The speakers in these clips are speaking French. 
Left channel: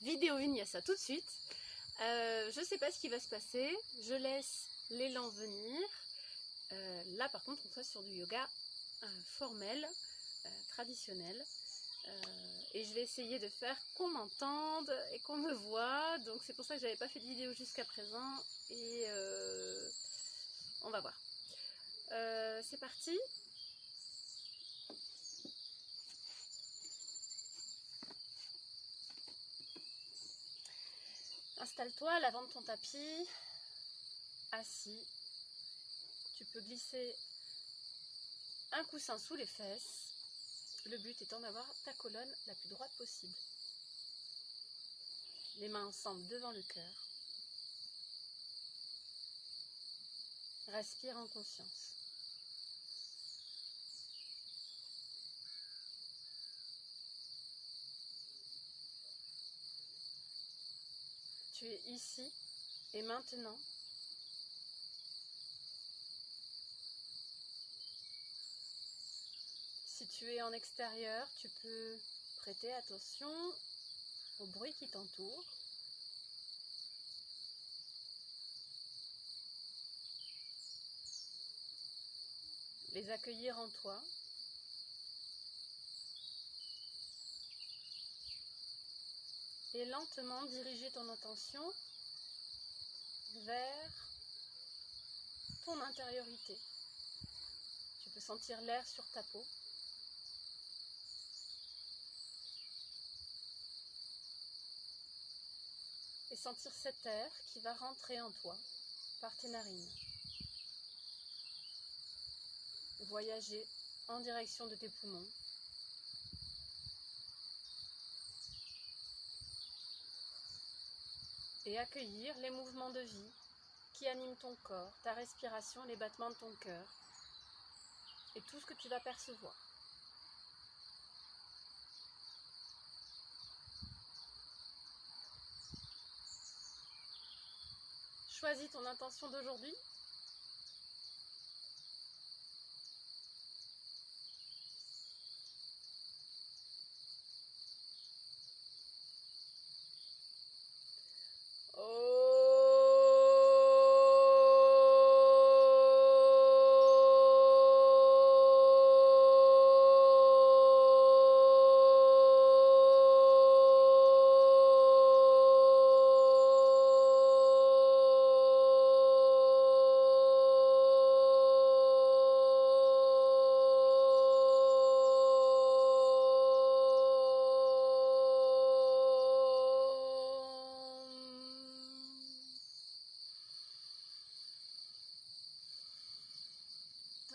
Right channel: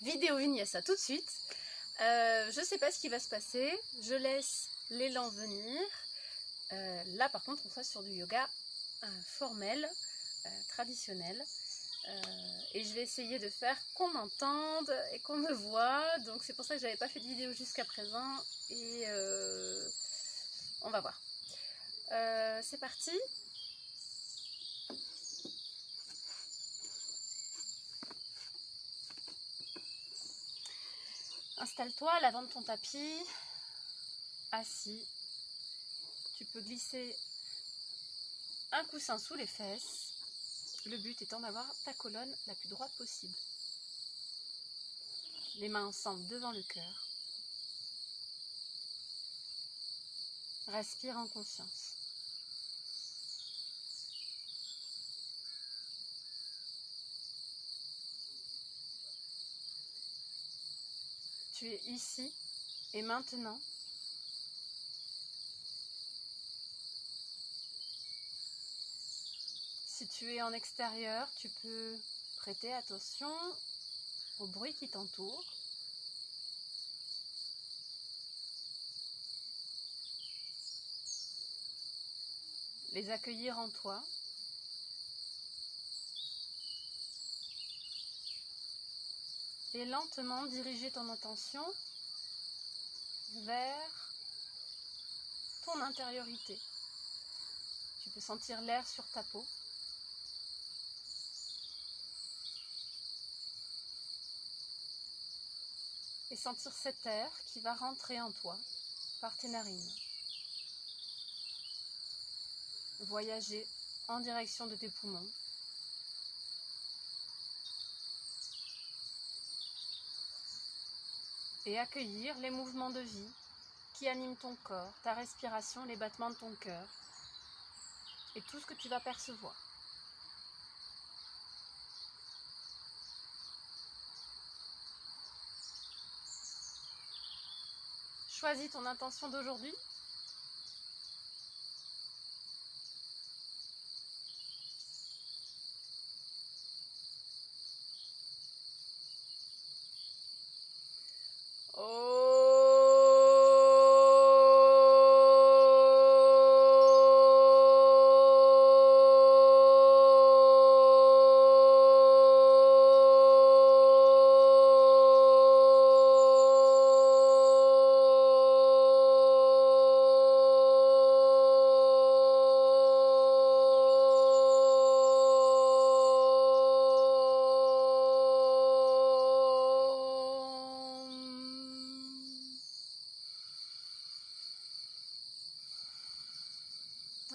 vidéo 1, il y a ça tout de suite. Je sais pas ce qui va se passer, je laisse l'élan venir. Là par contre on sera sur du yoga formel, traditionnel. Et je vais essayer de faire qu'on m'entende et qu'on me voit. Donc c'est pour ça que j'avais pas fait de vidéo jusqu'à présent. Et on va voir. C'est parti. Installe-toi à l'avant de ton tapis, assis. Tu peux glisser un coussin sous les fesses. Le but étant d'avoir ta colonne la plus droite possible. Les mains ensemble devant le cœur. Respire en conscience. Tu es ici et maintenant. Si tu es en extérieur, tu peux prêter attention au bruit qui t'entoure. Les accueillir en toi. Et lentement diriger ton attention vers ton intériorité. Tu peux sentir l'air sur ta peau. Et sentir cet air qui va rentrer en toi par tes narines. Voyager en direction de tes poumons. Et accueillir les mouvements de vie qui animent ton corps, ta respiration, les battements de ton cœur et tout ce que tu vas percevoir. Choisis ton intention d'aujourd'hui.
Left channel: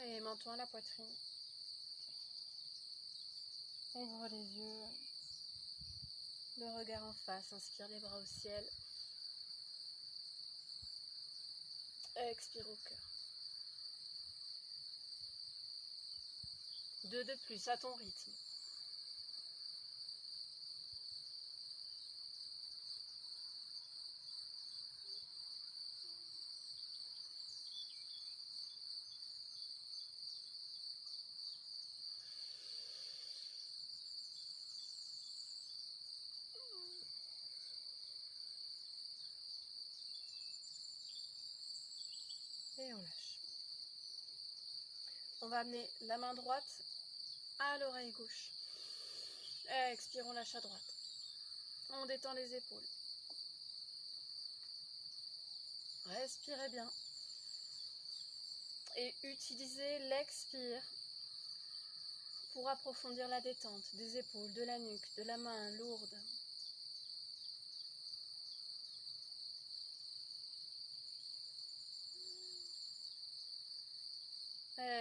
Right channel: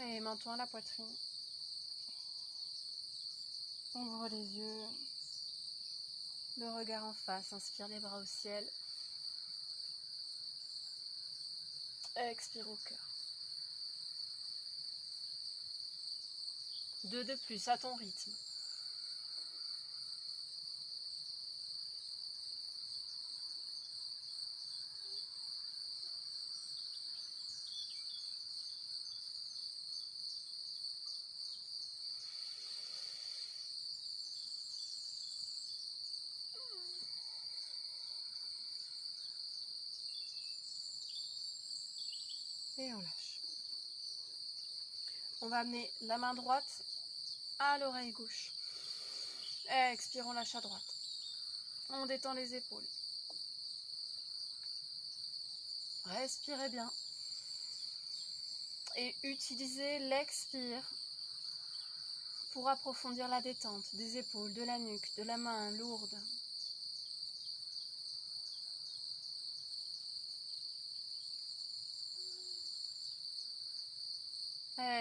Et menton à la poitrine. Ouvre les yeux. Le regard en face. Inspire les bras au ciel. Expire au cœur. 2 de plus à ton rythme. Et on lâche. On va amener la main droite à l'oreille gauche. Expire, on lâche à droite. On détend les épaules. Respirez bien. Et utilisez l'expire pour approfondir la détente des épaules, de la nuque, de la main lourde.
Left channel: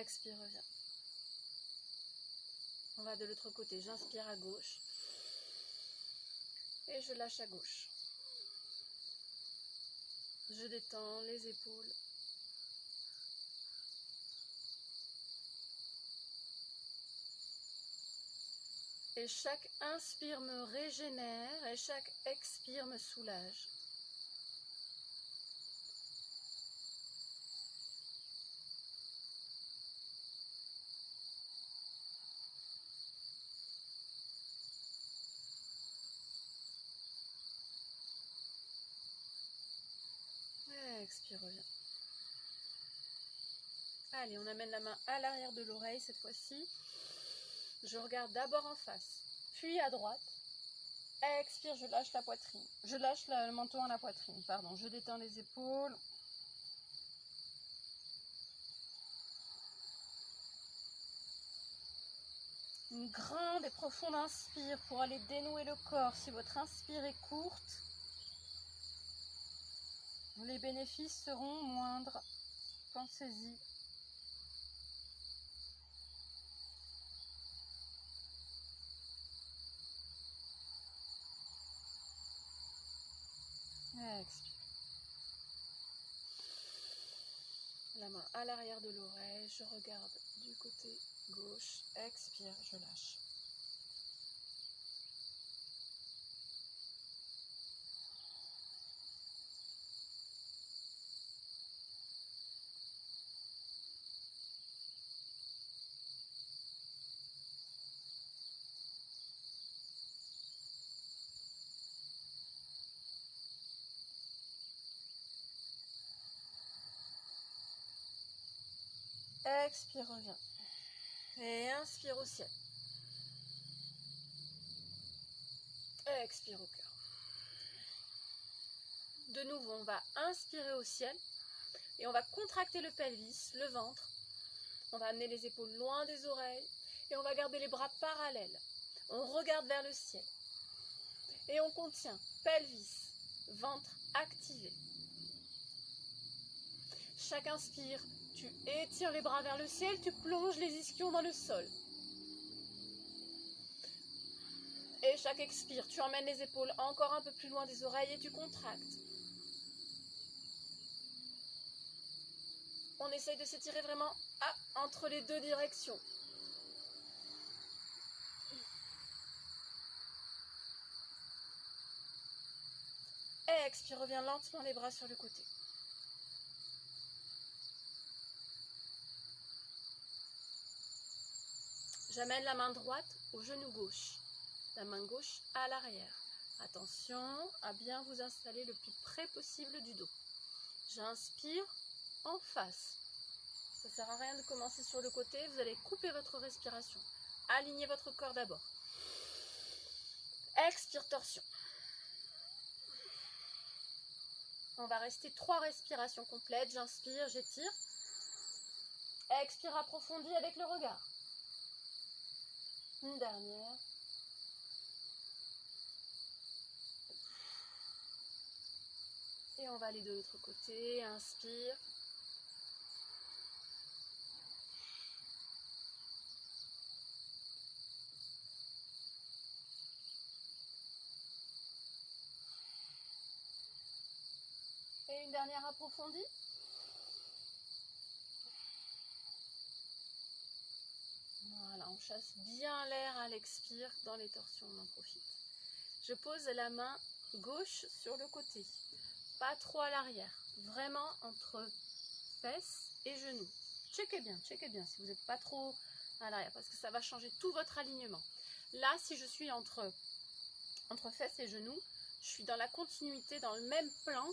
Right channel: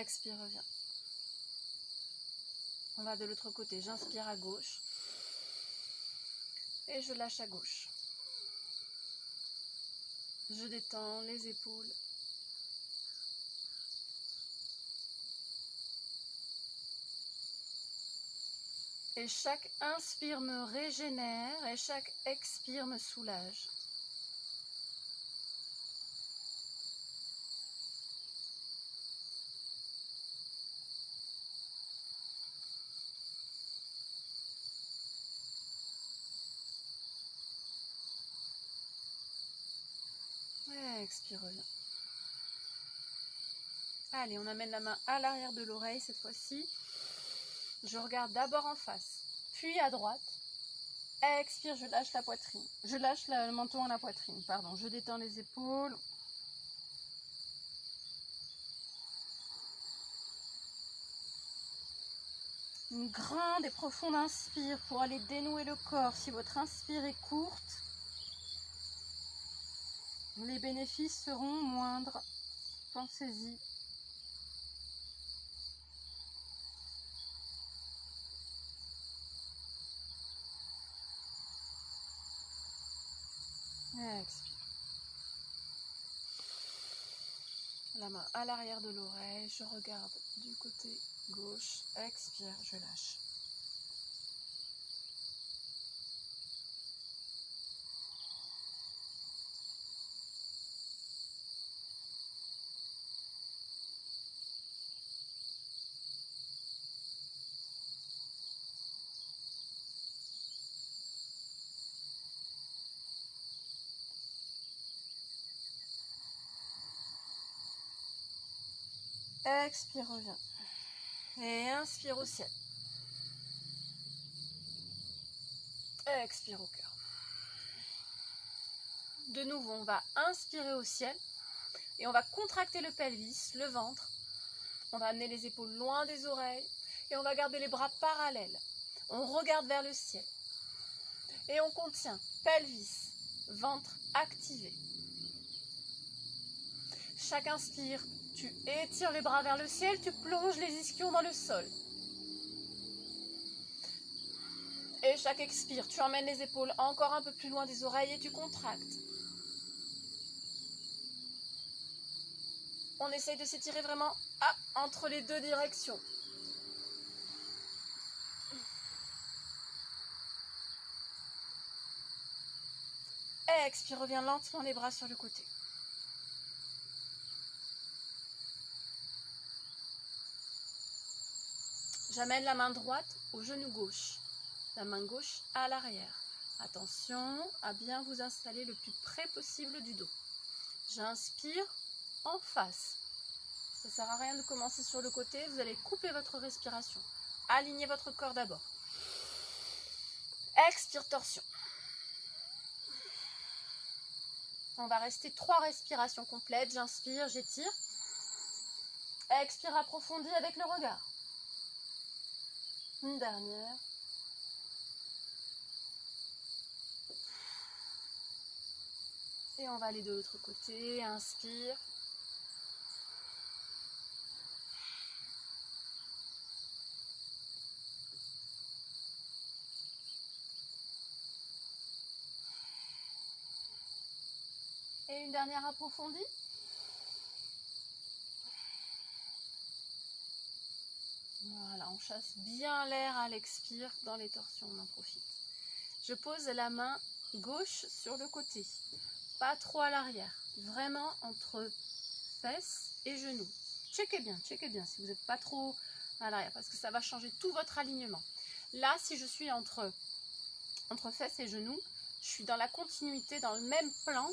Expire, reviens. On va de l'autre côté. J'inspire à gauche. Et je lâche à gauche. Je détends les épaules. Et chaque inspire me régénère et chaque expire me soulage. expire, reviens. Allez, on amène la main à l'arrière de l'oreille cette fois-ci. Je regarde d'abord en face, puis à droite. Expire, je lâche la poitrine. Je lâche le menton à la poitrine, pardon. Je détends les épaules. Une grande et profonde inspire pour aller dénouer le corps. Si votre inspire est courte, les bénéfices seront moindres. Pensez-y. Expire. La main à l'arrière de l'oreille. Je regarde du côté gauche. Expire, je lâche. Expire, reviens. Et inspire au ciel. Expire au cœur. De nouveau, on va inspirer au ciel et on va contracter le pelvis, le ventre. On va amener les épaules loin des oreilles et on va garder les bras parallèles. On regarde vers le ciel et on contient pelvis, ventre activé. Chaque inspire, tu étires les bras vers le ciel, tu plonges les ischions dans le sol. Et chaque expire, tu emmènes les épaules encore un peu plus loin des oreilles et tu contractes. On essaye de s'étirer vraiment entre les deux directions. Expire, reviens lentement les bras sur le côté. J'amène la main droite au genou gauche, la main gauche à l'arrière. Attention à bien vous installer le plus près possible du dos. J'inspire en face. Ça ne sert à rien de commencer sur le côté, vous allez couper votre respiration. Alignez votre corps d'abord. Expire, torsion. On va rester 3 respirations complètes. J'inspire, j'étire. Expire, approfondis avec le regard. Une dernière. Et on va aller de l'autre côté. Inspire. Et une dernière approfondie. Voilà, on chasse bien l'air à l'expire. Dans les torsions, on en profite. Je pose la main gauche sur le côté. Pas trop à l'arrière. Vraiment entre fesses et genoux. Checkez bien si vous n'êtes pas trop à l'arrière. Parce que ça va changer tout votre alignement. Là, si je suis entre fesses et genoux, je suis dans la continuité, dans le même plan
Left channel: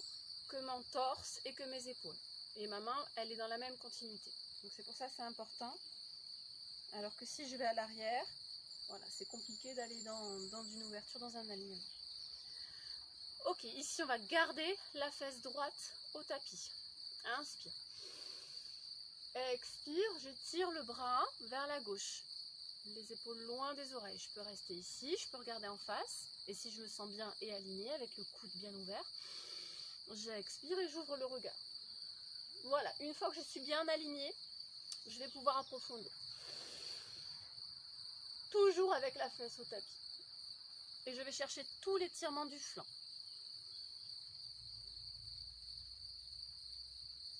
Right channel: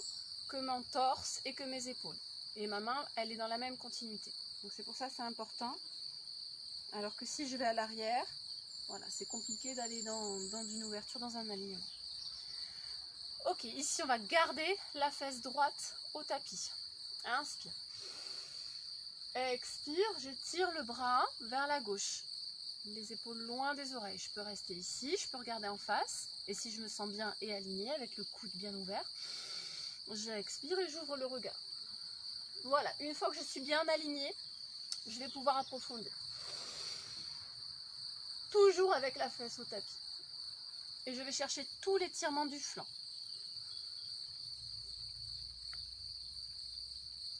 que mon torse et que mes épaules. Et ma main, elle est dans la même continuité. Donc c'est pour ça que c'est important. Alors que si je vais à l'arrière, voilà, c'est compliqué d'aller dans une ouverture, dans un alignement. Ok, ici on va garder la fesse droite au tapis. Inspire. Expire, je tire le bras vers la gauche. Les épaules loin des oreilles. Je peux rester ici, je peux regarder en face. Et si je me sens bien et alignée avec le coude bien ouvert, j'expire et j'ouvre le regard. Voilà, une fois que je suis bien alignée, je vais pouvoir approfondir. Toujours avec la fesse au tapis. Et je vais chercher tout l'étirement du flanc.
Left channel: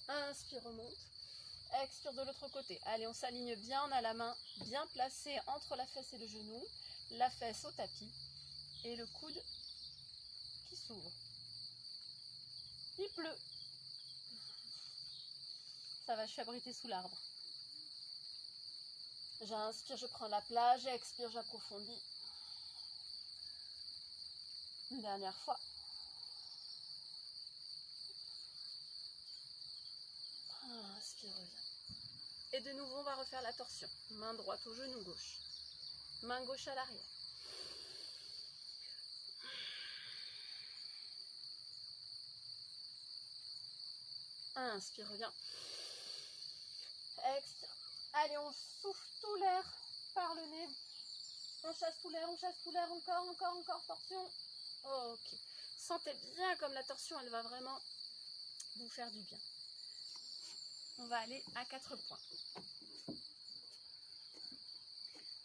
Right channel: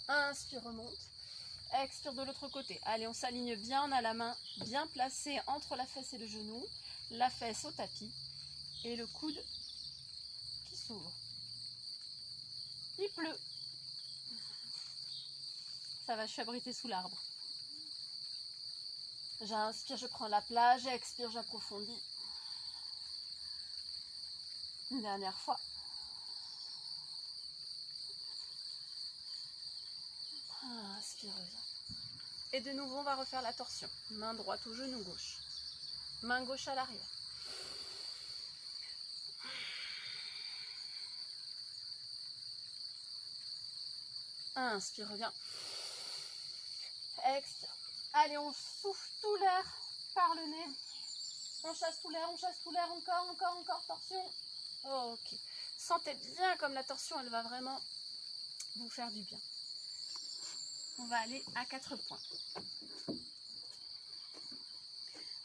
Inspire, remonte. Expire de l'autre côté. Allez, on s'aligne bien. On a la main bien placée entre la fesse et le genou. La fesse au tapis. Et le coude qui s'ouvre. Il pleut. Ça va, je suis abritée sous l'arbre. J'inspire, je prends la plage. Expire, j'approfondis. Une dernière fois. Et de nouveau, on va refaire la torsion. Main droite au genou gauche. Main gauche à l'arrière. Inspire, reviens. Expire. Allez, on souffle tout l'air par le nez. On chasse tout l'air, encore, torsion. Ok. Sentez bien comme la torsion, elle va vraiment vous faire du bien. On va aller à 4 points.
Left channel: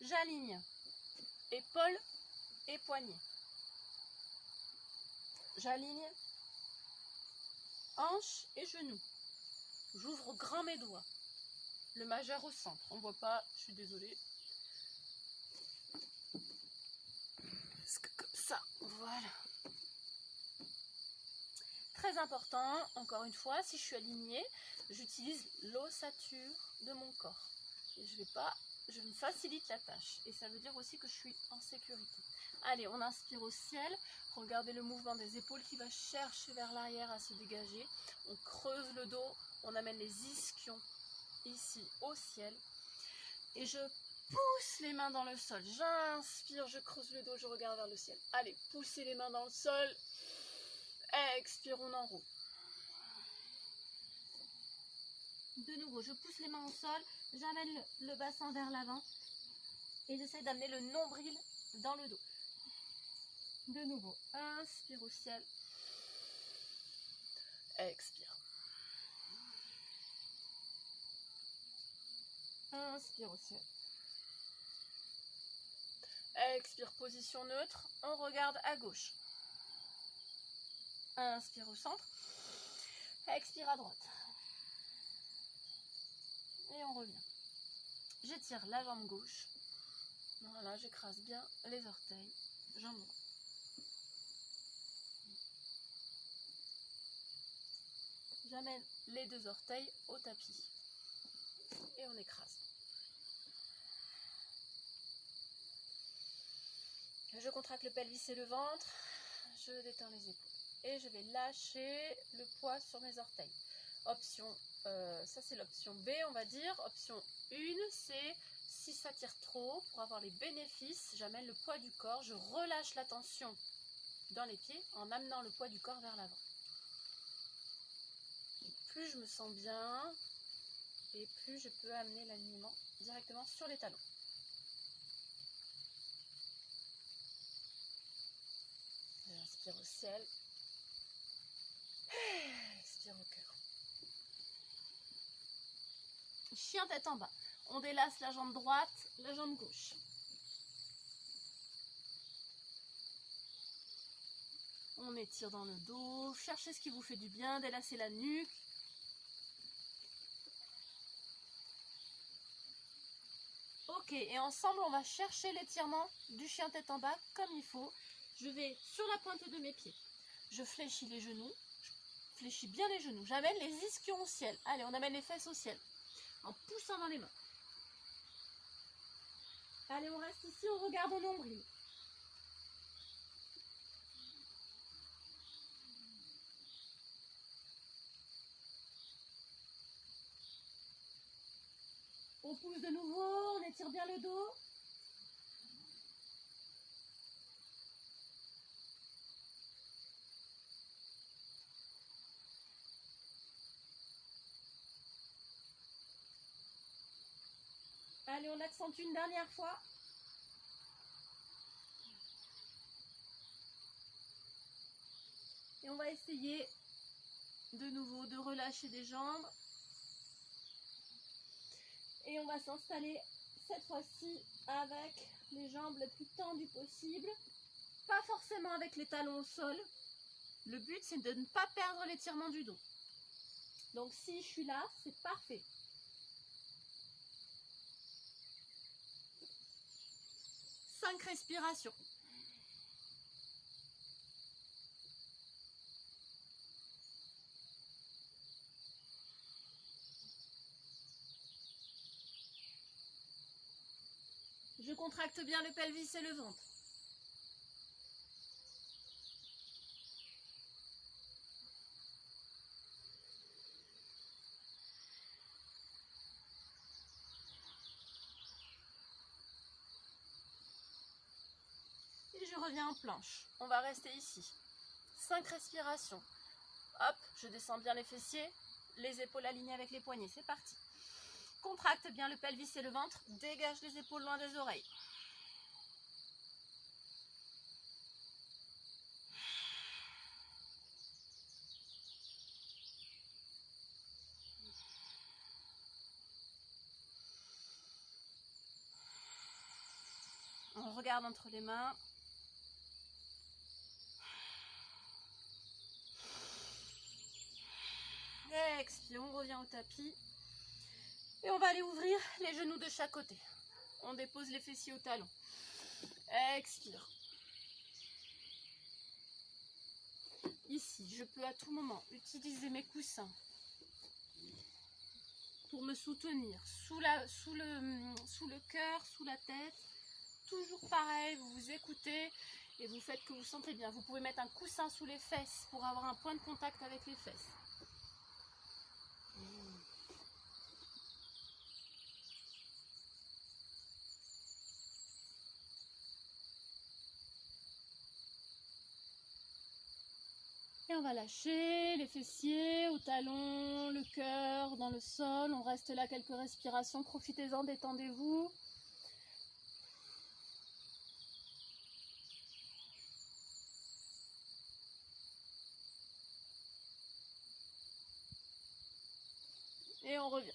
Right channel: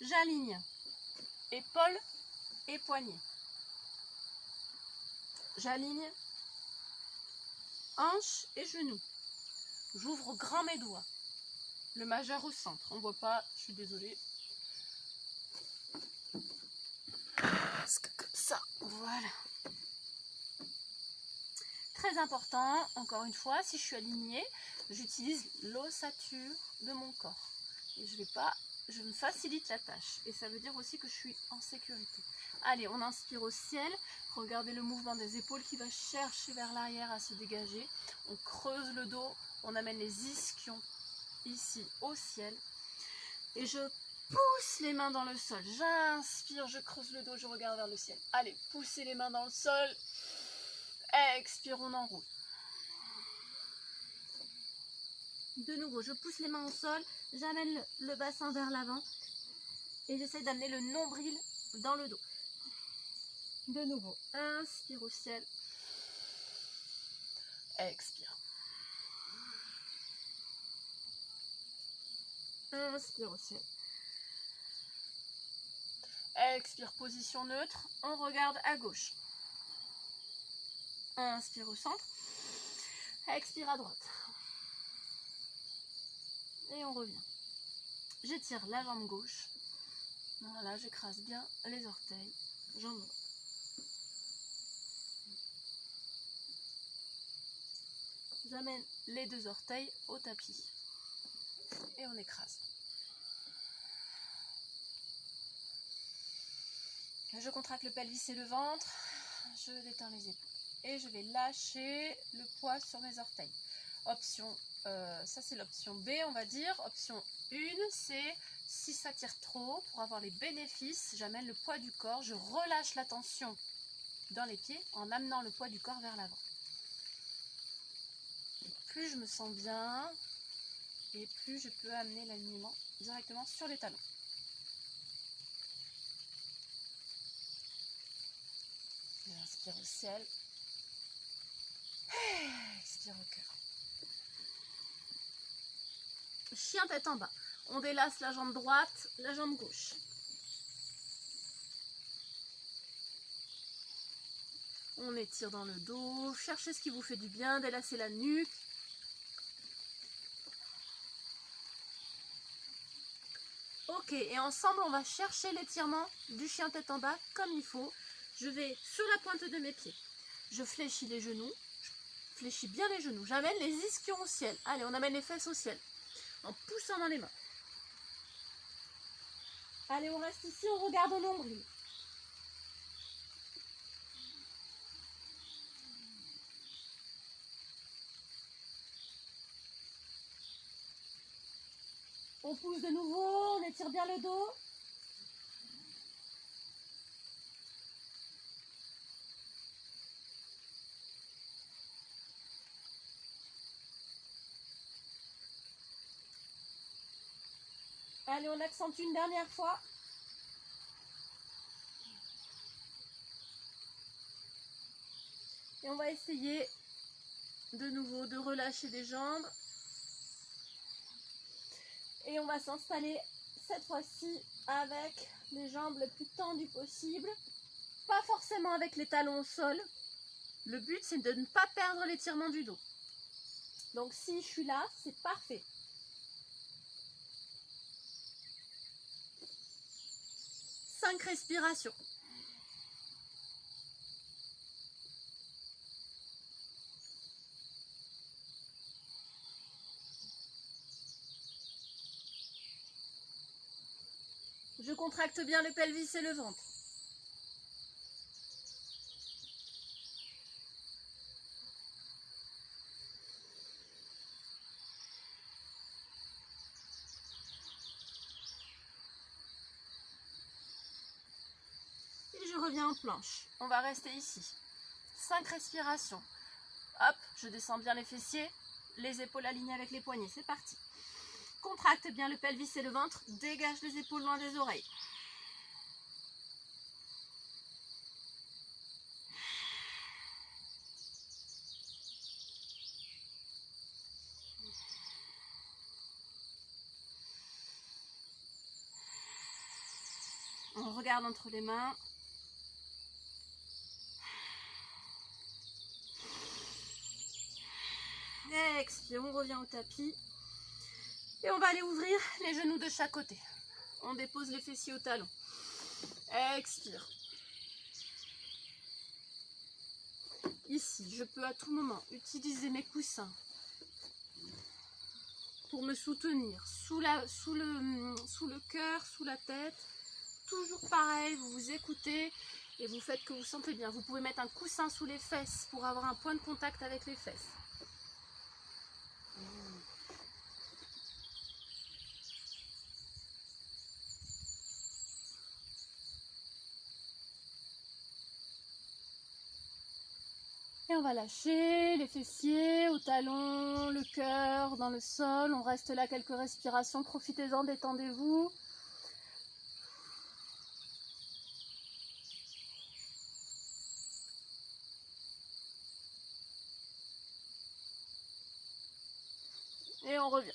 J'aligne épaules et poignets. J'aligne hanches et genoux. J'ouvre grand mes doigts. Le majeur au centre. On ne voit pas, je suis désolée. Comme ça, voilà. Très important, encore une fois, si je suis alignée, j'utilise l'ossature de mon corps. Et je me facilite la tâche. Et ça veut dire aussi que je suis en sécurité. Allez, on inspire au ciel. Regardez le mouvement des épaules qui va chercher vers l'arrière à se dégager. On creuse le dos, on amène les ischions ici au ciel. Et je pousse les mains dans le sol. J'inspire, je creuse le dos, je regarde vers le ciel. Allez, poussez les mains dans le sol. Expire, on enroule. De nouveau, je pousse les mains au sol, j'amène le bassin vers l'avant et j'essaie d'amener le nombril dans le dos. De nouveau, inspire au ciel. Expire. Inspire au ciel. Expire, position neutre. On regarde à gauche. Inspire au centre. Expire à droite. Et on revient. J'étire la jambe gauche. Voilà, j'écrase bien les orteils. Jambe droite. J'amène les 2 orteils au tapis. Et on écrase. Je contracte le pelvis et le ventre. Je détends les épaules. Et je vais lâcher le poids sur mes orteils. Option, ça c'est l'option B, on va dire. Option 1, c'est si ça tire trop, pour avoir les bénéfices, j'amène le poids du corps, je relâche la tension dans les pieds en amenant le poids du corps vers l'avant. Plus je me sens bien, et plus je peux amener l'alignement directement sur les talons. Inspire au ciel. Expire au cœur. Chien tête en bas. On délace la jambe droite, la jambe gauche. On étire dans le dos. Cherchez ce qui vous fait du bien. Délacez la nuque. Ok, et ensemble, on va chercher l'étirement du chien tête en bas comme il faut. Je vais sur la pointe de mes pieds. Je fléchis les genoux. Je fléchis bien les genoux. J'amène les ischions au ciel. Allez, on amène les fesses au ciel. En poussant dans les mains. Allez, on reste ici, on regarde au nombril. On pousse de nouveau, on étire bien le dos. Allez, on accentue une dernière fois. Et on va essayer de nouveau de relâcher les jambes. Et on va s'installer cette fois-ci avec les jambes le plus tendues possible. Pas forcément avec les talons au sol. Le but, c'est de ne pas perdre l'étirement du dos. Donc si je suis là, c'est parfait. Cinq respirations. Je contracte bien le pelvis et le ventre. revient en planche. On va rester ici. 5 respirations. Hop, je descends bien les fessiers, les épaules alignées avec les poignets. C'est parti. Contracte bien le pelvis et le ventre. Dégage les épaules loin des oreilles. On regarde entre les mains. Expire, on revient au tapis. Et on va aller ouvrir les genoux de chaque côté. On dépose les fessiers au talon. Expire. Ici, je peux à tout moment utiliser mes coussins pour me soutenir sous le cœur, sous la tête. Toujours pareil, vous vous écoutez et vous faites que vous sentez bien. Vous pouvez mettre un coussin sous les fesses pour avoir un point de contact avec les fesses. Et on va lâcher les fessiers au talon, le cœur dans le sol. On reste là quelques respirations. Profitez-en, détendez-vous. Et on revient.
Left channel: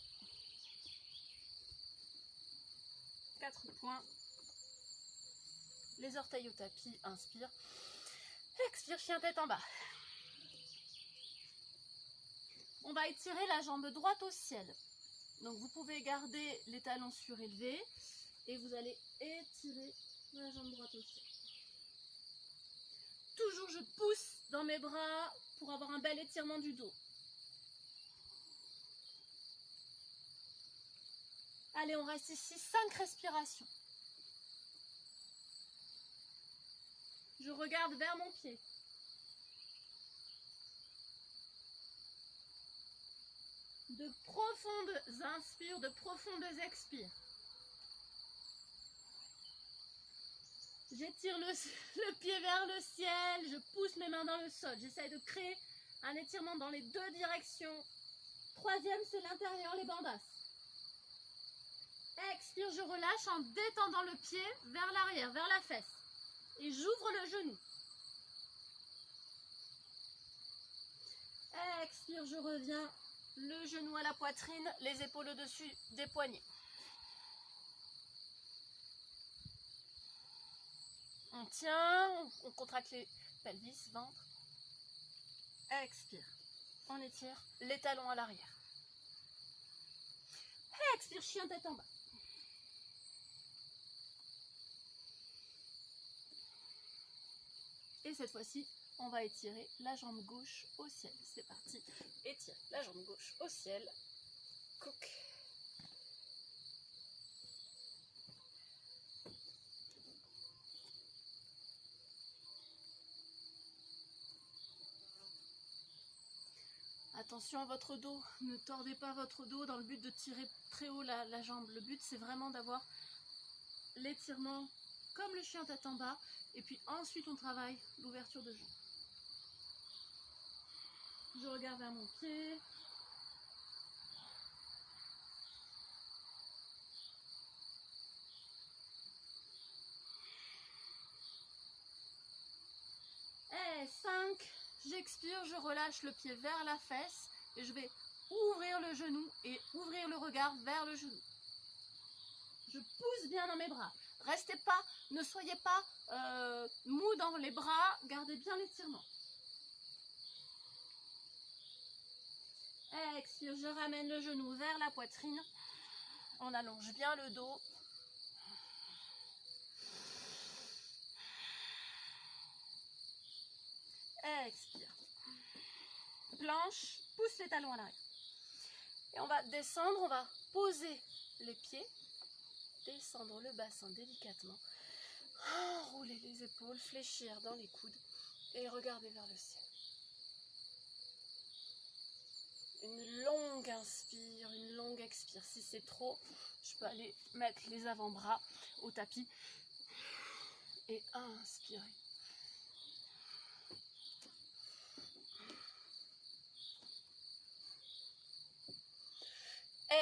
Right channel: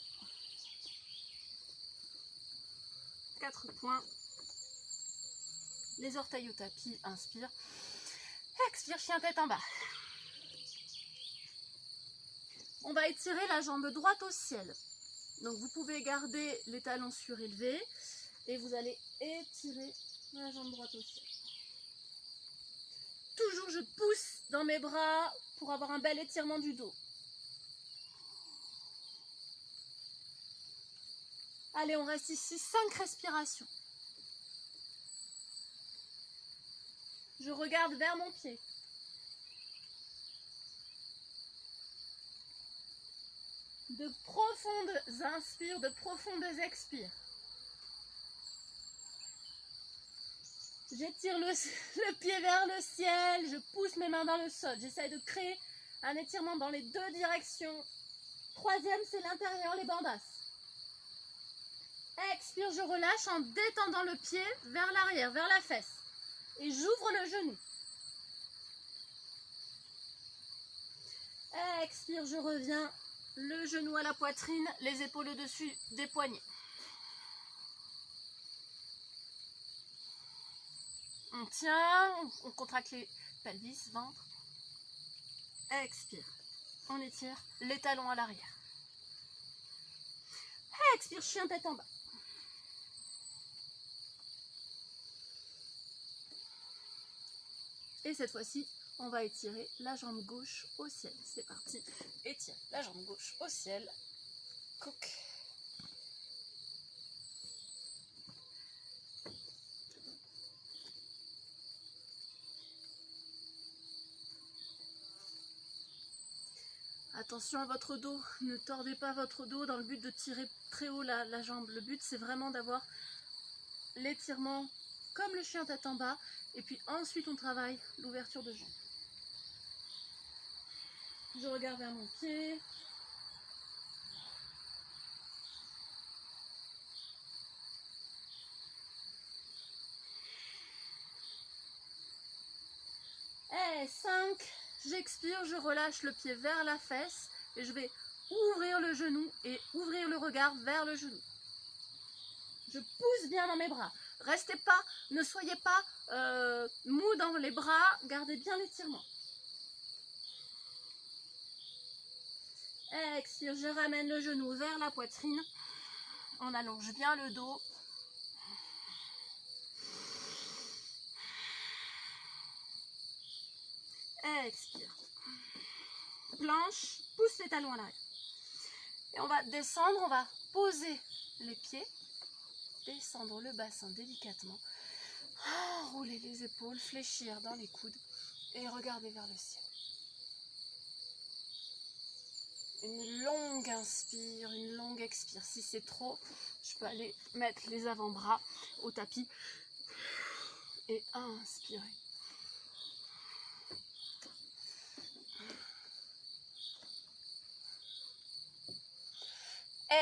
4 points. Les orteils au tapis, inspire. Expire, chien tête en bas. On va étirer la jambe droite au ciel. Donc vous pouvez garder les talons surélevés et vous allez étirer la jambe droite au ciel. Toujours je pousse dans mes bras pour avoir un bel étirement du dos. Allez, on reste ici 5 respirations. Je regarde vers mon pied. De profondes inspires, de profondes expires. J'étire le pied vers le ciel, je pousse mes mains dans le sol. J'essaie de créer un étirement dans les 2 directions. 3e, c'est l'intérieur, les bandasses. Expire, je relâche en détendant le pied vers l'arrière, vers la fesse. Et j'ouvre le genou. Expire, je reviens. Le genou à la poitrine, les épaules au-dessus des poignets. On tient, on contracte les pelvis, ventre. Expire. On étire les talons à l'arrière. Expire, chien tête en bas. Et cette fois-ci, on va étirer la jambe gauche au ciel. C'est parti. Étire la jambe gauche au ciel. Coq. Attention à votre dos. Ne tordez pas votre dos dans le but de tirer très haut la jambe. Le but, c'est vraiment d'avoir l'étirement comme le chien tête en bas. Et puis ensuite, on travaille l'ouverture de jambe. Je regarde vers mon pied. Et 5, j'expire, je relâche le pied vers la fesse et je vais ouvrir le genou et ouvrir le regard vers le genou. Je pousse bien dans mes bras. Restez pas, ne soyez pas mou dans les bras, gardez bien l'étirement. Expire, je ramène le genou vers la poitrine. On allonge bien le dos. Expire. Planche, pousse les talons à l'arrière. Et on va descendre, on va poser les pieds, descendre le bassin délicatement, rouler les épaules, fléchir dans les coudes et regarder vers le ciel. Une longue inspire, une longue expire. Si c'est trop, je peux aller mettre les avant-bras au tapis Et inspirez.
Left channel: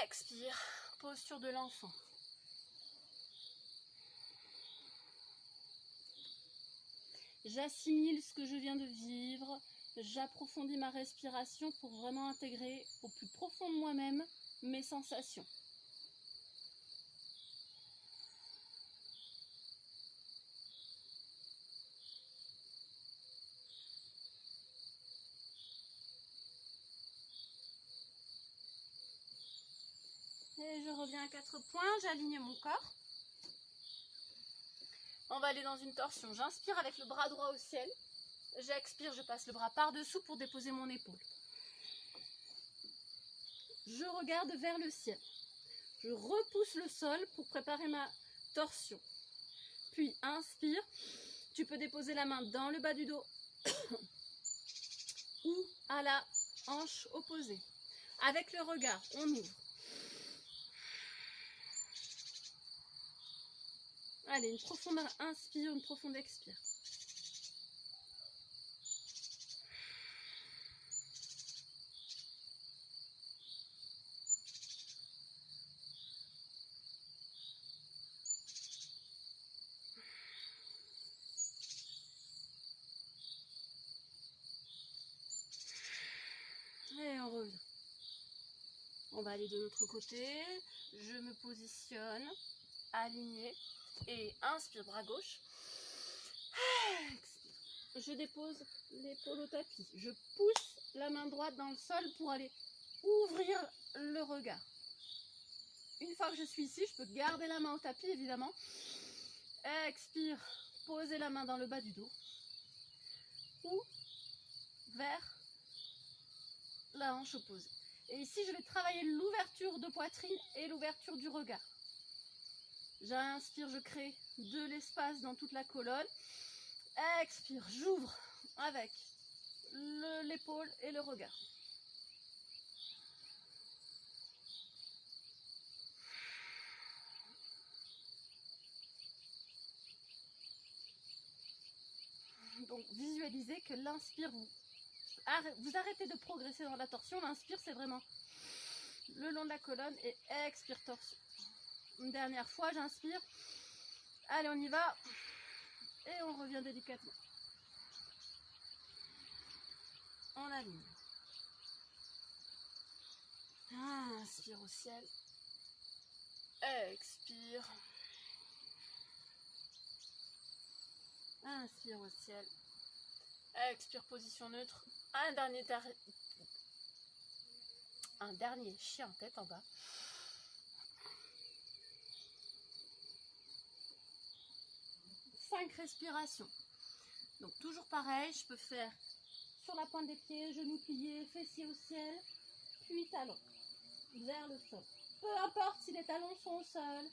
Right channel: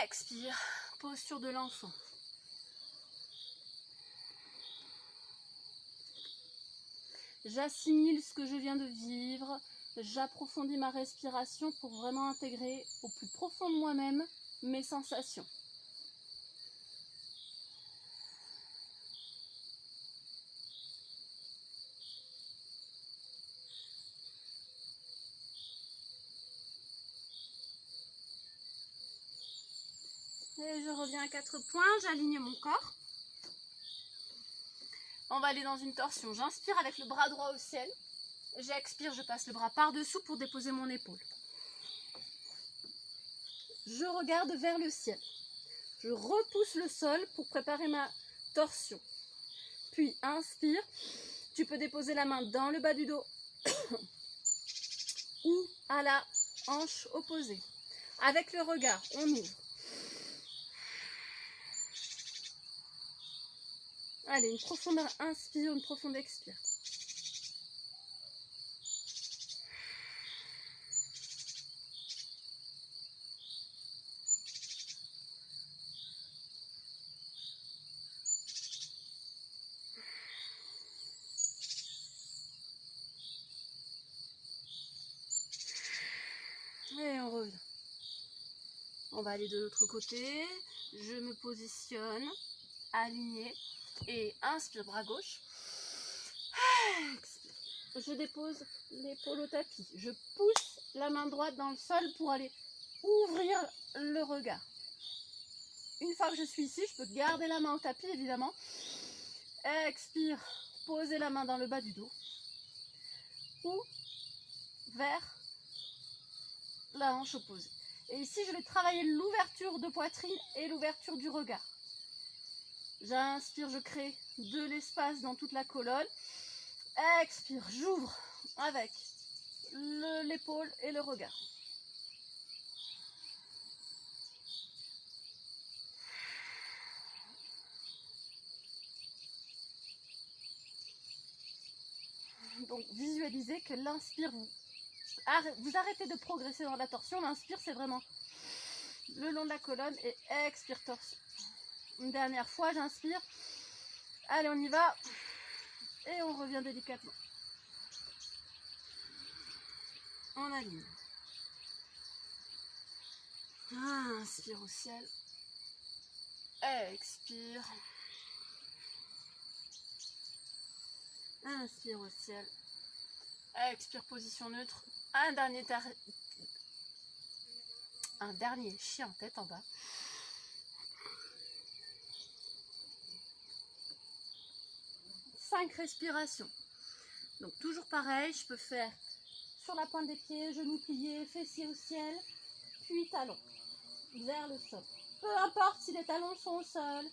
Expire, posture de l'enfant. J'assimile ce que je viens de vivre, j'approfondis ma respiration pour vraiment intégrer au plus profond de moi-même mes sensations. Et je reviens à 4 points, j'aligne mon corps. On va aller dans une torsion. J'inspire avec le bras droit au ciel. J'expire, je passe le bras par-dessous pour déposer mon épaule. Je regarde vers le ciel. Je repousse le sol pour préparer ma torsion. Puis inspire. Tu peux déposer la main dans le bas du dos ou à la hanche opposée. Avec le regard, on ouvre. Allez, une profonde inspire, une profonde expire. Et on revient. On va aller de l'autre côté. Je me positionne, aligné. Et inspire, bras gauche. Expire. Je dépose l'épaule au tapis. Je pousse la main droite dans le sol pour aller ouvrir le regard. Une fois que je suis ici, je peux garder la main au tapis, évidemment. Expire, poser la main dans le bas du dos. Ou vers la hanche opposée. Et ici, je vais travailler l'ouverture de poitrine et l'ouverture du regard. J'inspire, je crée de l'espace dans toute la colonne. Expire, j'ouvre avec l'épaule et le regard. Donc visualisez que l'inspire, vous arrêtez de progresser dans la torsion. L'inspire, c'est vraiment le long de la colonne et expire, torsion. Une dernière fois, j'inspire. Allez, on y va. Et on revient délicatement. On aligne. Inspire au ciel. Expire. Inspire au ciel. Expire, position neutre. Un dernier chien tête en bas. Cinq respirations. Donc toujours pareil, je peux faire sur la pointe des pieds, genoux pliés, fessiers au ciel, puis talons vers le sol. Peu importe si les talons sont au sol.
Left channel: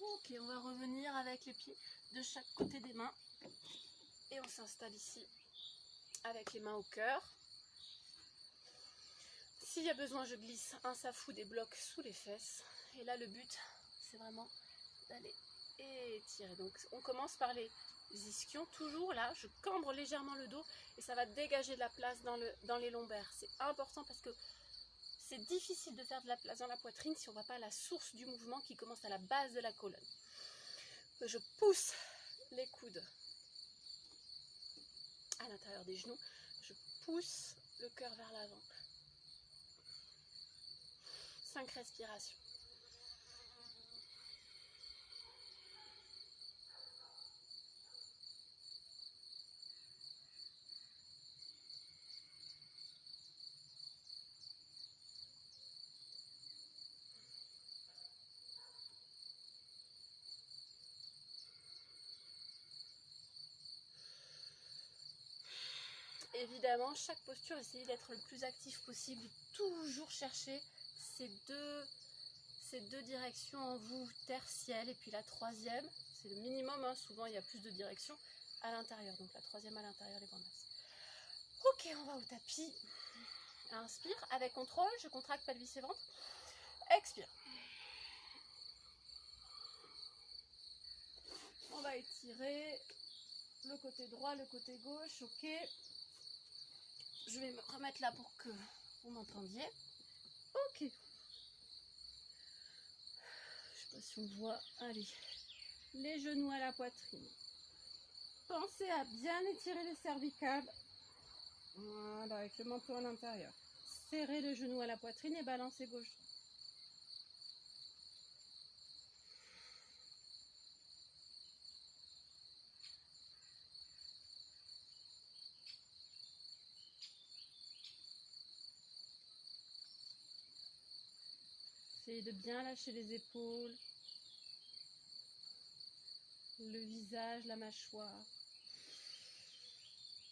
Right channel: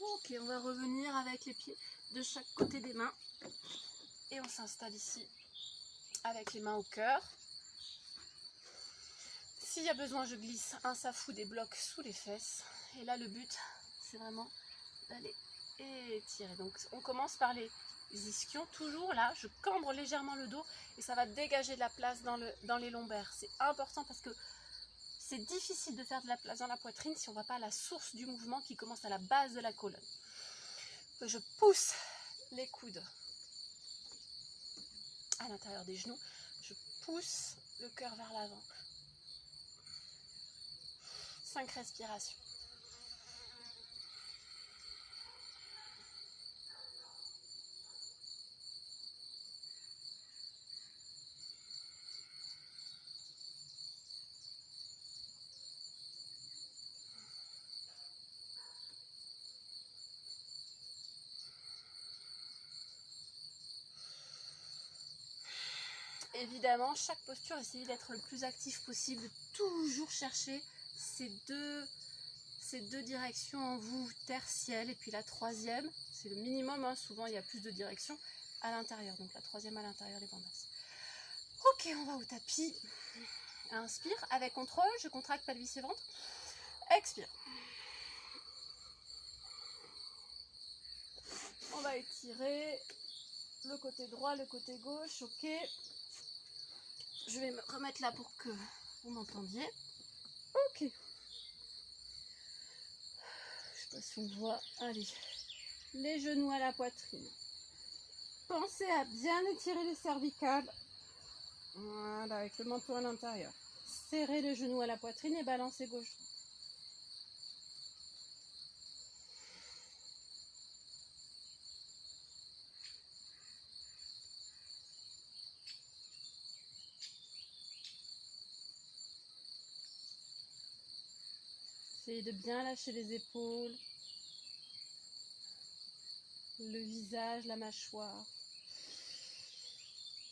Ok, on va revenir avec les pieds de chaque côté des mains. Et on s'installe ici avec les mains au cœur. S'il y a besoin, je glisse un safou, des blocs sous les fesses. Et là, le but, c'est vraiment d'aller étirer. Donc, on commence par les ischions. Toujours là, je cambre légèrement le dos et ça va dégager de la place dans les lombaires. C'est important parce que c'est difficile de faire de la place dans la poitrine si on ne va pas à la source du mouvement qui commence à la base de la colonne. Je pousse les coudes à l'intérieur des genoux. Je pousse le cœur vers l'avant. 5 respirations. Et évidemment, chaque posture, essayez d'être le plus actif possible, toujours chercher ces deux directions en vous, terre, ciel, et puis la troisième, c'est le minimum, hein, souvent il y a plus de directions à l'intérieur, donc la troisième à l'intérieur des bandhas. Ok, on va au tapis. Inspire, avec contrôle, je contracte pelvis et ventre. Expire. On va étirer le côté droit, le côté gauche, ok. Je vais me remettre là pour que vous m'entendiez. Ok. Je sais pas si on voit. Allez. Les genoux à la poitrine. Pensez à bien étirer les cervicales. Voilà, avec le menton à l'intérieur. Serrez les genoux à la poitrine et balancez gauche. Essayez de bien lâcher les épaules, le visage, la mâchoire.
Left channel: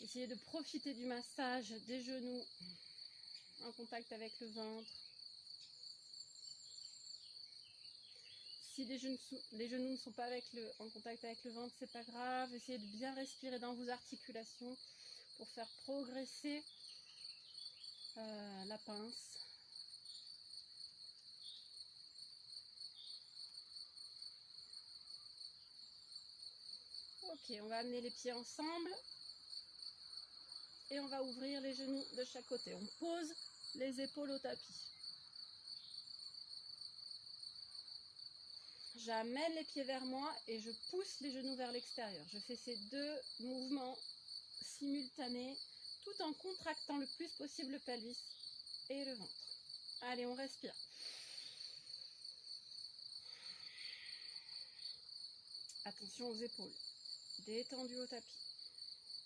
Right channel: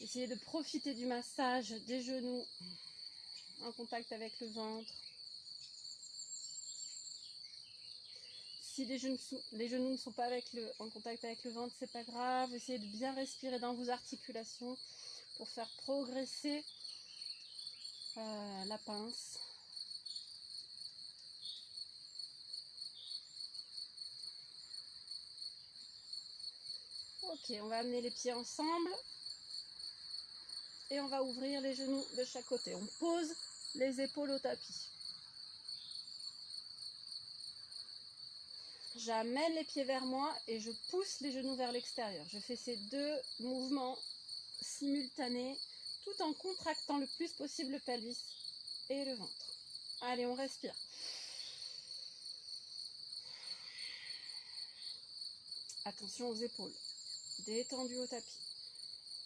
Essayez de profiter du massage des genoux en contact avec le ventre. Si les genoux ne sont pas en contact avec le ventre, c'est pas grave. Essayez de bien respirer dans vos articulations pour faire progresser la pince. Ok, on va amener les pieds ensemble et on va ouvrir les genoux de chaque côté. On pose les épaules au tapis. J'amène les pieds vers moi et je pousse les genoux vers l'extérieur. Je fais ces deux mouvements simultanés tout en contractant le plus possible le pelvis et le ventre. Allez, on respire. Attention aux épaules. Détendu au tapis.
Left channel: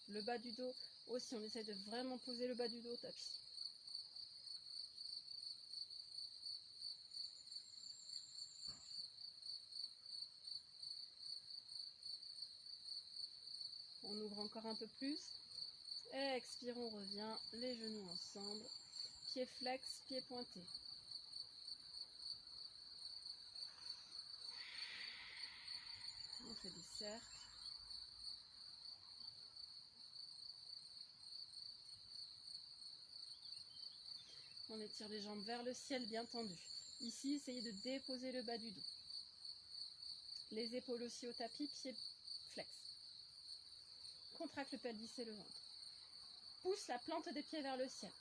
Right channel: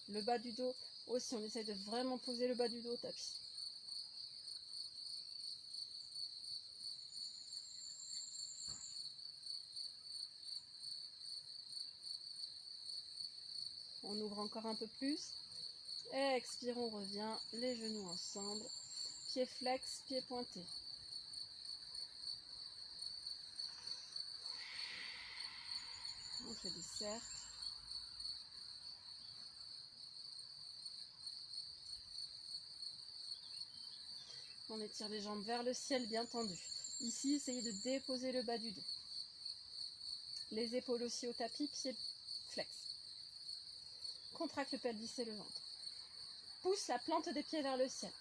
Le bas du dos aussi, on essaie de vraiment poser le bas du dos au tapis. On ouvre encore un peu plus. Expire, on revient, les genoux ensemble. Pieds flex, pieds pointés. On fait des cercles. On étire les jambes vers le ciel bien tendues. Ici, essayez de déposer le bas du dos. Les épaules aussi au tapis, pieds flex. Contracte le pelvis et le ventre. Pousse la plante des pieds vers le ciel.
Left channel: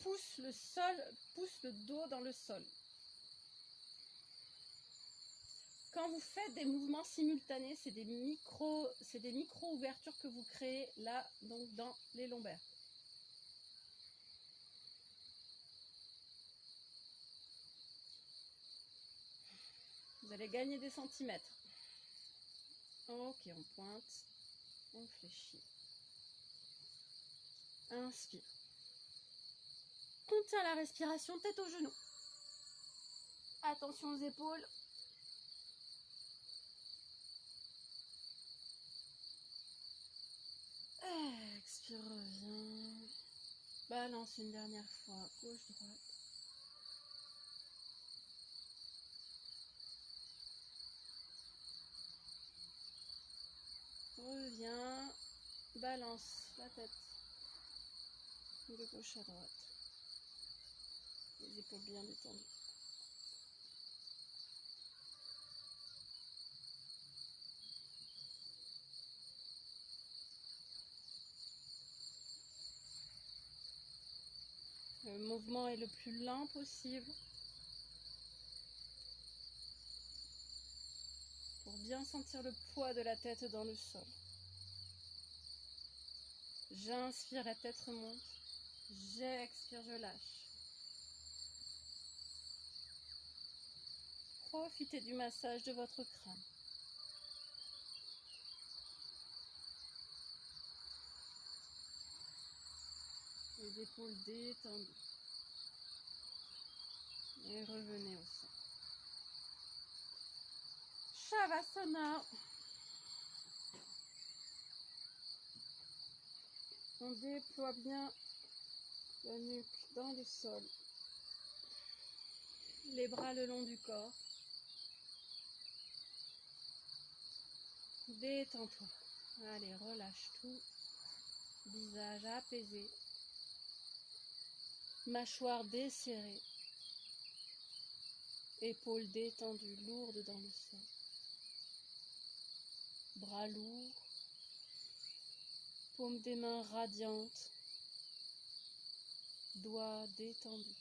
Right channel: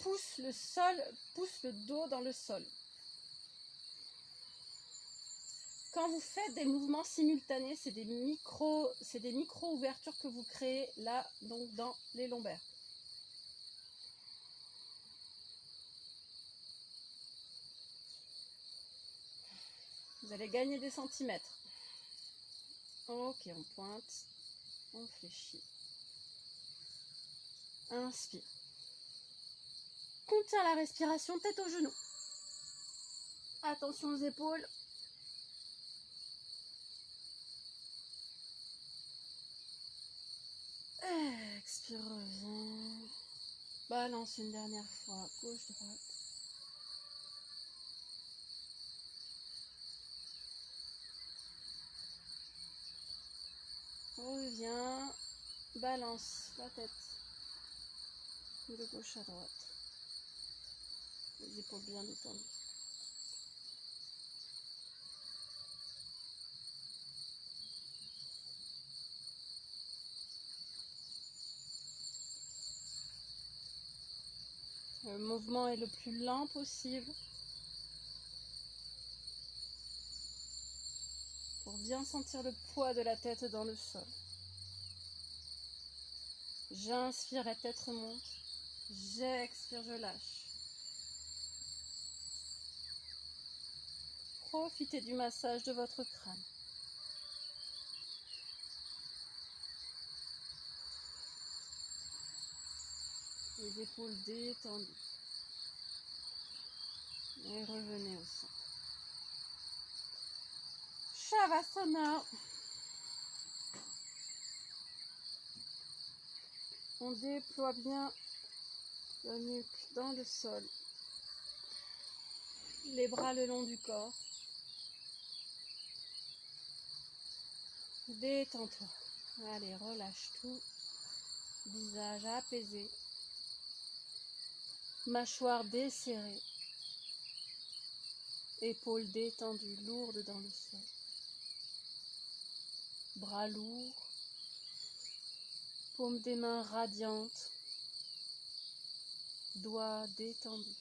Pousse le sol, pousse le dos dans le sol. Quand vous faites des mouvements simultanés, c'est des micro ouvertures que vous créez là, donc dans les lombaires. Vous allez gagner des centimètres. Ok, on pointe, on fléchit. Inspire. Contiens la respiration, tête aux genoux. Attention aux épaules. Expire, reviens. Balance une dernière fois, gauche, droite. Reviens, balance la tête de gauche à droite. Les épaules bien détendues. Le mouvement est le plus lent possible pour bien sentir le poids de la tête dans le sol. J'inspire, la tête remonte. J'expire, je lâche. Profitez du massage de votre crâne. Les épaules détendues. Et revenez au centre. Shavasana. On déploie bien la nuque dans le sol. Les bras le long du corps. Détends-toi. Allez, relâche tout. Visage apaisé. Mâchoire desserrée. Épaules détendues, lourdes dans le sol. Bras lourds. Paumes des mains radiantes. Doigts détendus.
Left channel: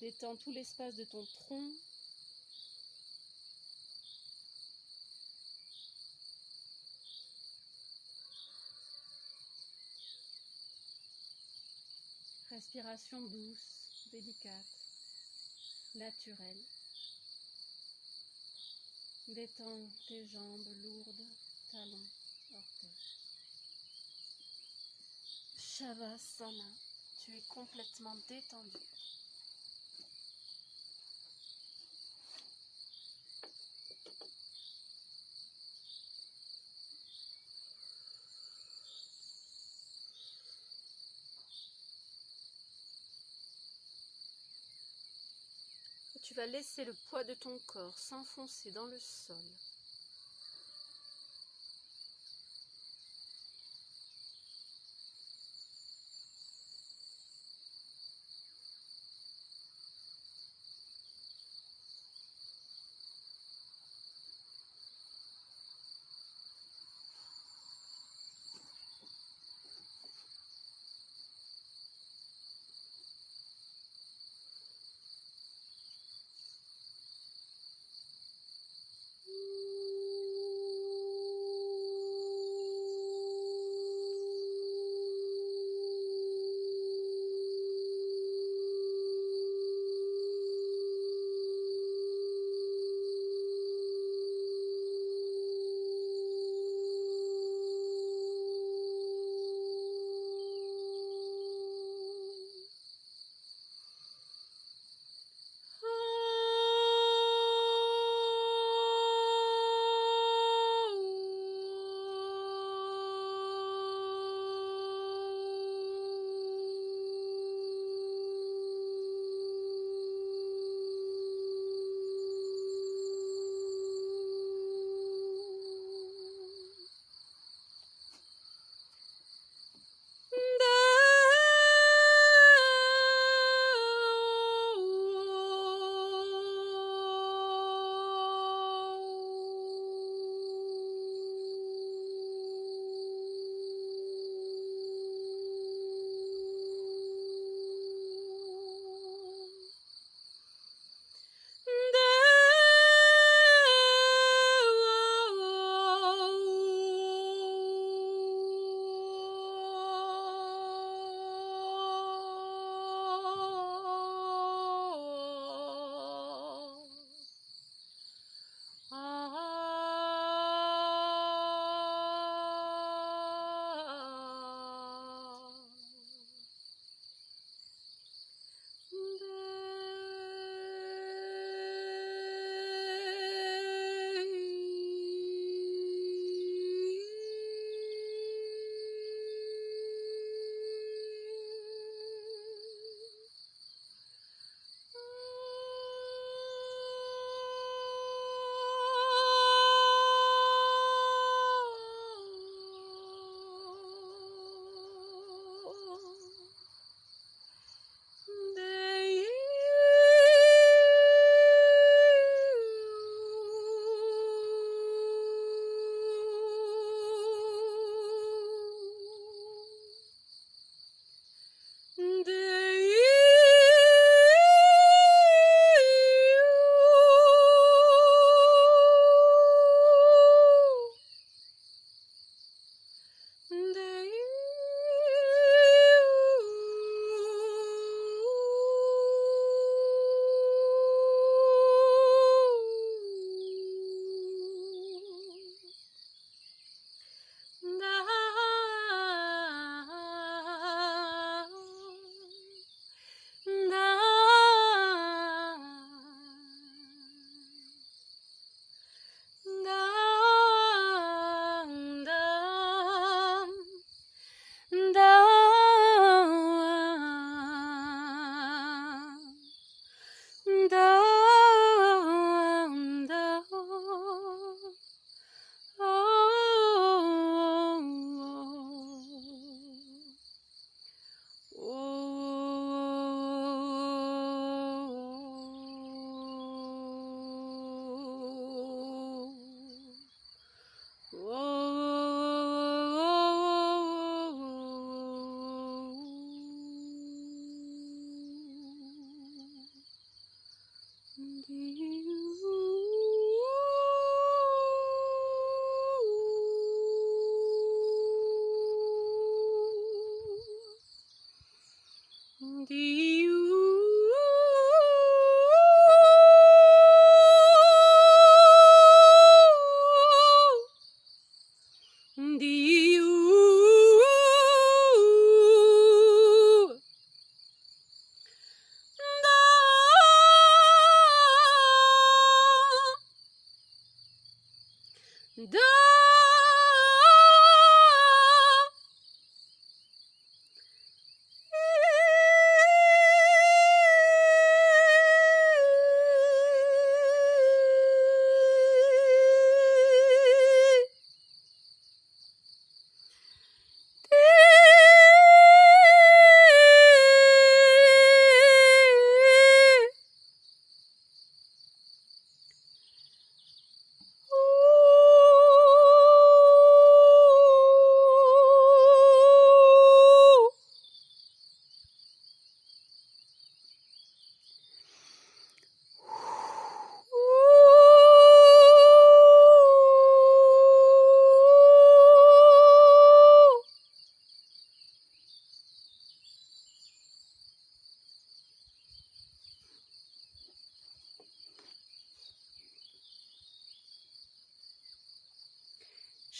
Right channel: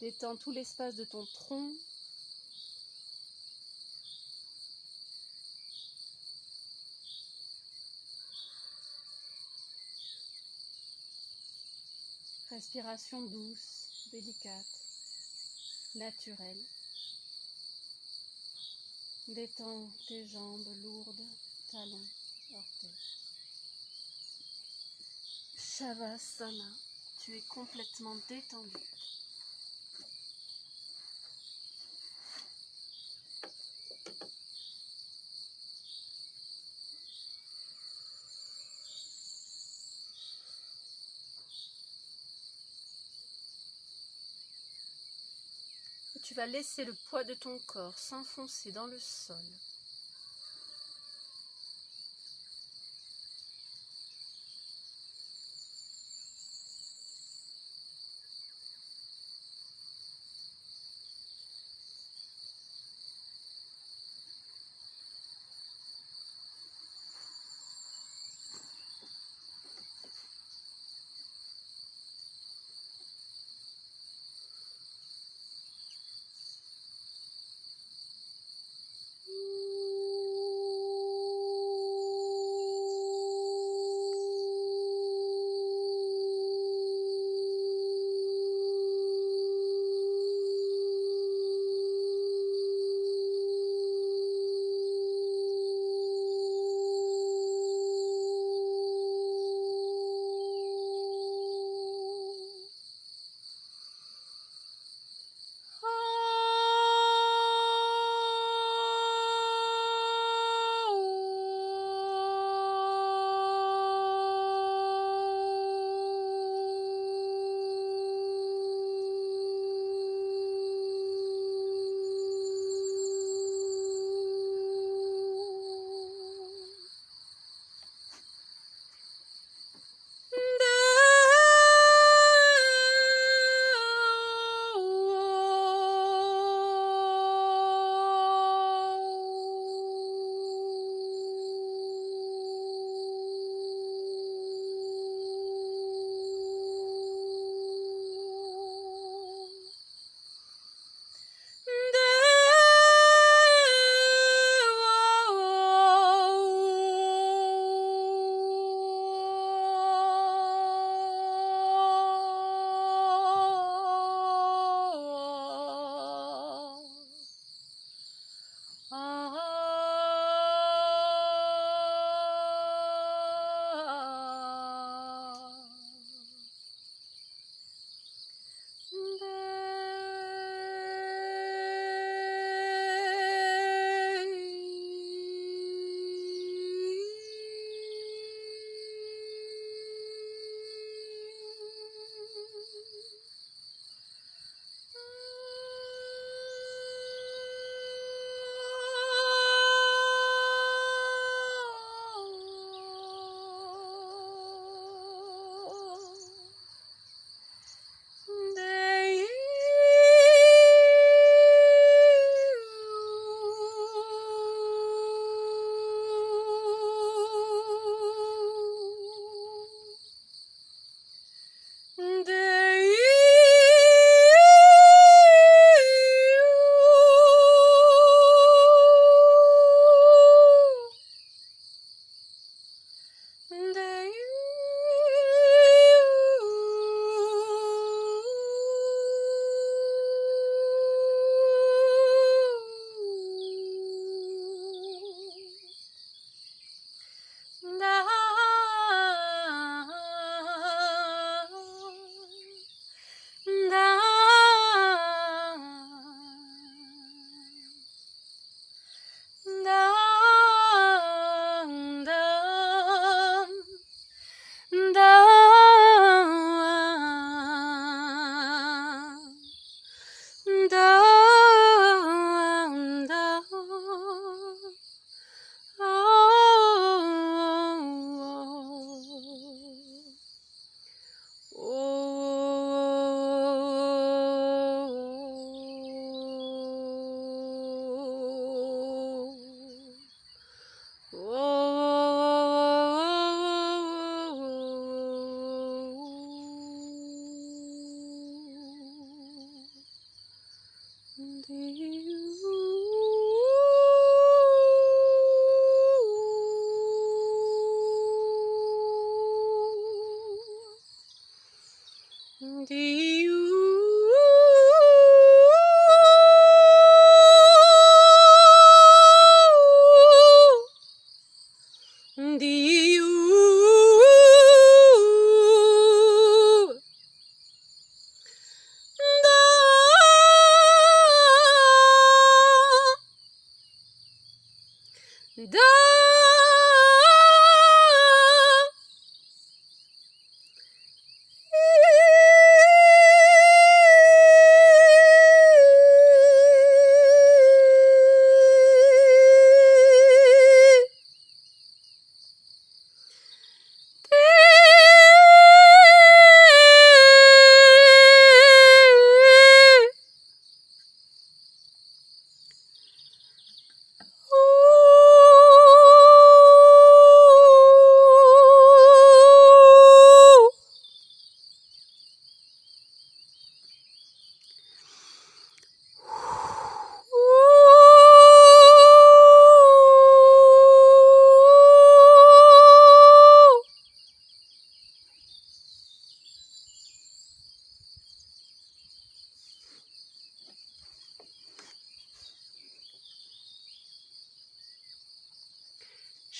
Détends tout l'espace de ton tronc. Respiration douce, délicate, naturelle. Détends tes jambes lourdes, talons, orteils. Shavasana, tu es complètement détendu. Tu vas laisser le poids de ton corps s'enfoncer dans le sol.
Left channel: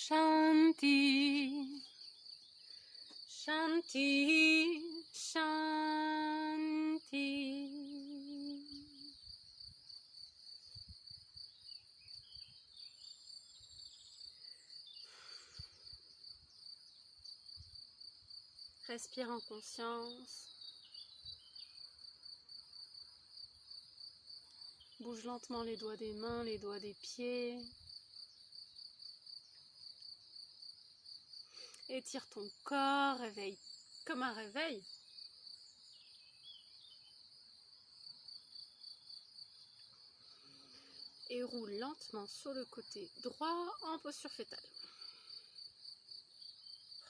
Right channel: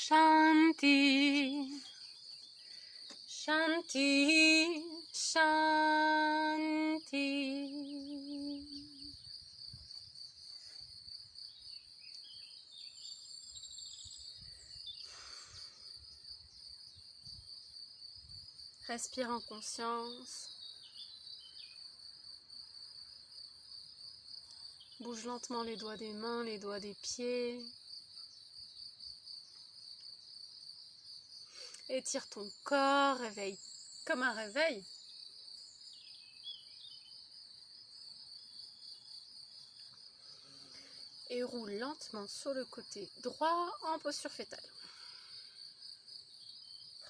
Shanti, Shanti, Shanti. Respire en conscience. Bouge lentement les doigts des mains, les doigts des pieds. Étire ton corps, réveille comme un réveil. Et roule lentement sur le côté droit en posture fétale.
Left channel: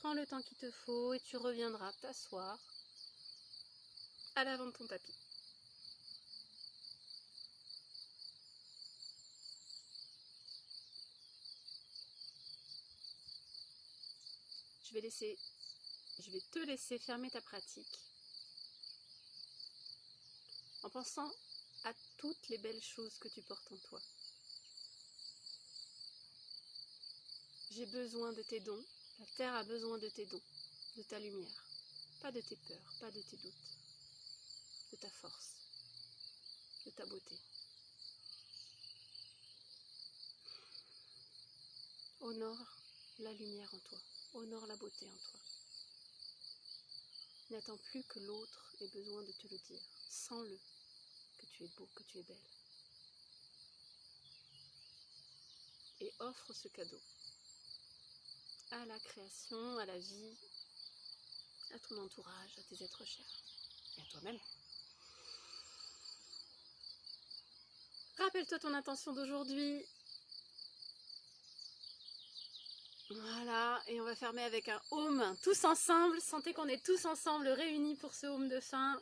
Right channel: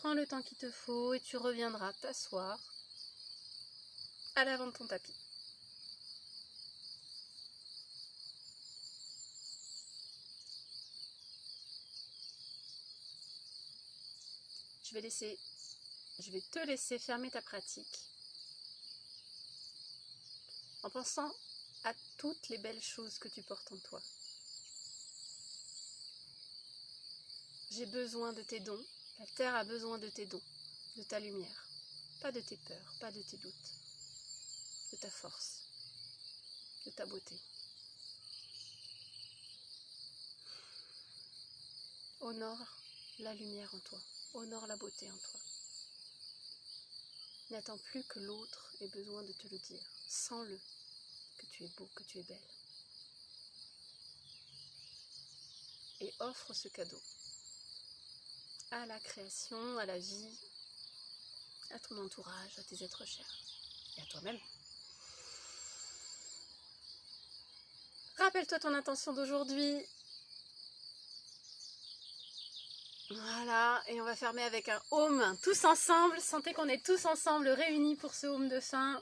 Prends le temps qu'il te faut et tu reviendras t'asseoir à l'avant de ton tapis. Je vais te laisser fermer ta pratique en pensant à toutes les belles choses que tu portes en toi. J'ai besoin de tes dons, la terre a besoin de tes dons, de ta lumière, pas de tes peurs, pas de tes doutes, de ta force, de ta beauté. Honore la lumière en toi, honore la beauté en toi. N'attends plus que l'autre ait besoin de te le dire. Sens-le, que tu es beau, que tu es belle. Et offre ce cadeau à la création, à la vie, à ton entourage, à tes êtres chers et à toi-même. Rappelle-toi ton intention d'aujourd'hui. Voilà, et on va fermer avec un home, tous ensemble. Sentez qu'on est tous ensemble réunis pour ce home de fin.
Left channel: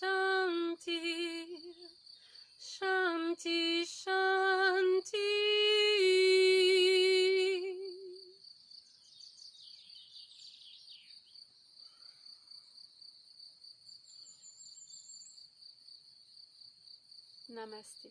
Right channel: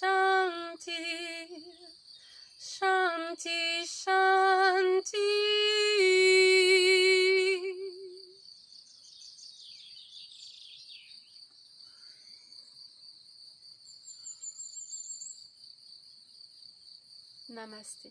Shanti, Shanti, Shanti. Namaste.